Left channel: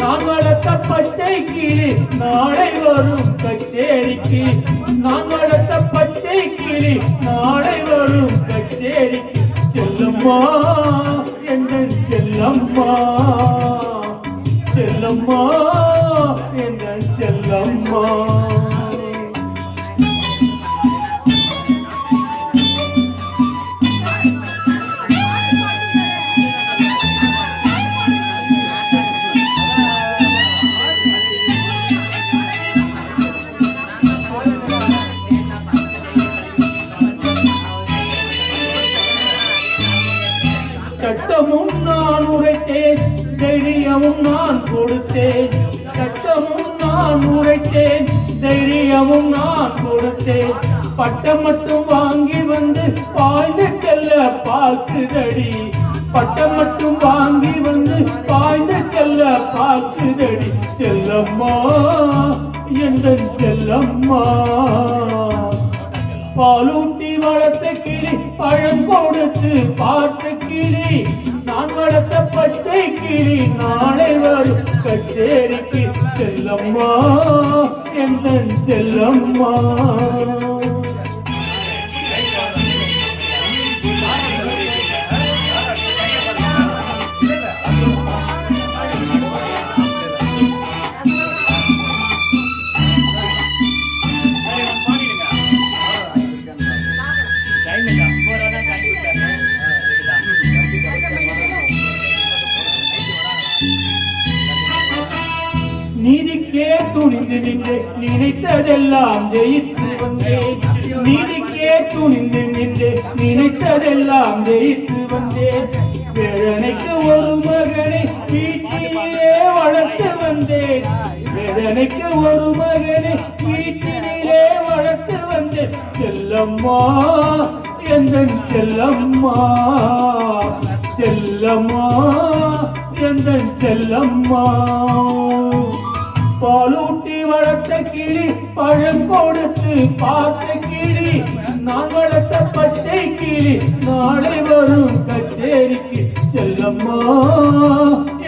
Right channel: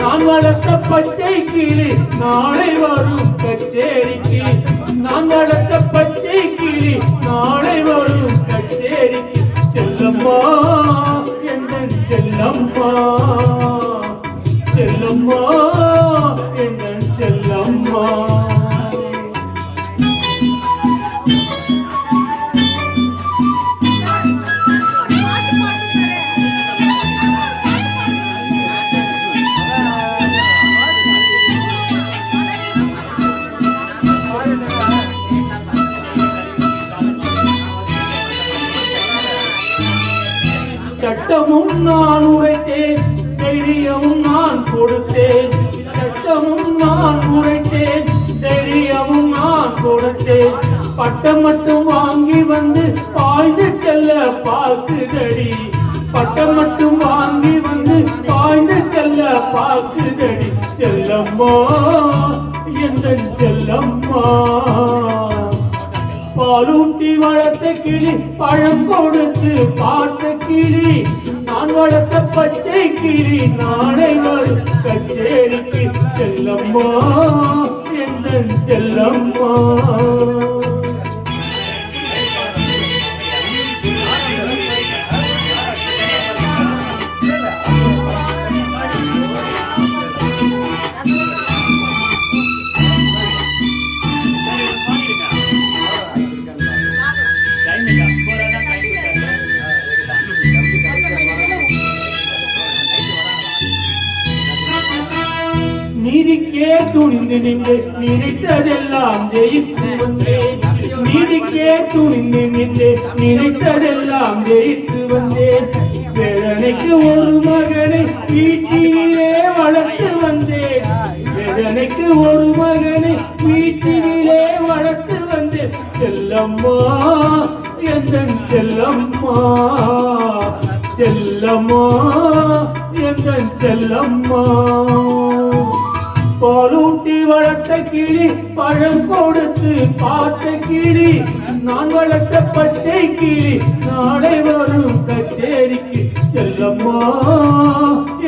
நான் வளர்த்த பச்சை கிளி நாளை வரும் கச்சேரிக்கு. நான் வளர்த்த பச்சை கிளி நாளை வரும் கச்சேரிக்கு. செல்லம்மா எந்தன் செல்லம்மா, செல்லம்மா எந்தன் செல்லம்மா. சட்டமும் நான் உரைத்தேன், தைரியமும் நான் கொடுத்தேன். சட்டமும் நான் உரைத்தேன், தைரியமும் நான் கொடுத்தேன். பட்டம் மட்டும் வாங்கி வந்து பாய்ந்து செல்ல பார்க்குதடி. பட்டம் மட்டும் வாங்கி வந்து பாய்ந்து செல்ல பார்க்குதடி. செல்லம்மா எந்தன் செல்லம்மா. பாலூட்டி வளர்த்த கிளி பழம் கொடுத்து பார்த்த கிளி. நான் வளர்த்த பச்சை கிளி நாளை வரும் கச்சேரிக்கு. செல்லம்மா எந்தன் செல்லம்மா. நீதிக்கே துணிந்து நின்று நினைத்ததெல்லாம் ஜெயித்து வந்தேன். நீதிக்கே துணிந்து நின்று நினைத்ததெல்லாம் ஜெயித்து வந்தேன். வேதனைக்கு ஒரு மகனை வீட்டினிலே வளர்த்து வந்தேன். வேதனைக்கு ஒரு மகனை வீட்டினிலே வளர்த்து வந்தேன். செல்லம்மா எந்தன் செல்லம்மா, செல்லம்மா எந்தன் செல்லம்மா. பாலூட்டி வளர்த்த கிளி பழம் கொடுத்து பார்த்த கிளி. நான் வளர்த்த பச்சை கிளி நாளை வரும் கச்சேரிக்கு. செல்லம்மா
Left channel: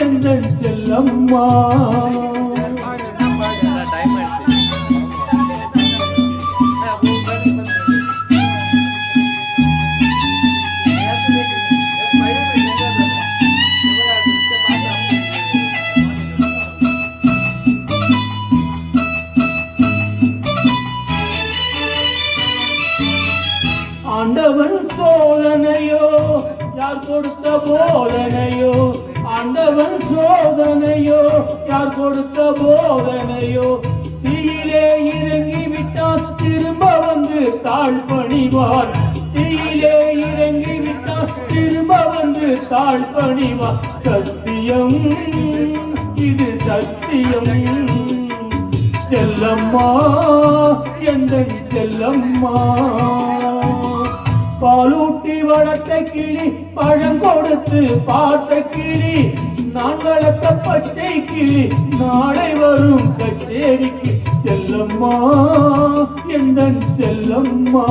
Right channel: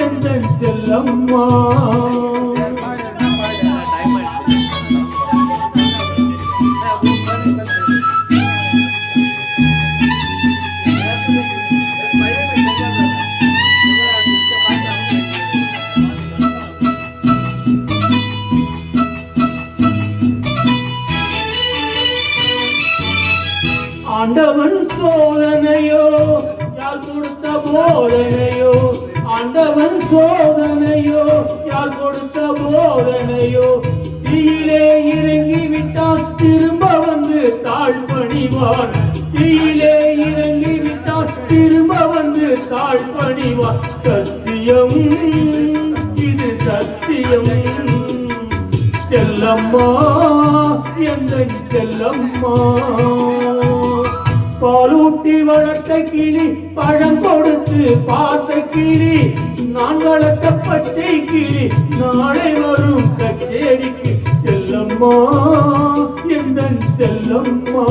எந்தன் செல்லம்மா. ஆண்டவன் சோதனையோ யார் கொடுத்த போதனையோ. ஆண்டவன் சோதனையோ யார் கொடுத்த போதனையோ. தீயிலே இறங்கி விட்டான் திரும்ப வந்து தாழ் பணிவார். தீயிலே இறங்கி விட்டான் திரும்ப வந்து தாழ் பணிவார். சத்தியம் இது சத்தியம். செல்லம்மா எந்தன் செல்லம்மா. பாலூட்டி வளர்த்த கிளி பழம் கொடுத்து பார்த்த கிளி. நான் வளர்த்த பச்சை கிளி நாளை வரும் கச்சேரிக்கு. செல்லம்மா எந்தன் செல்லம்மா.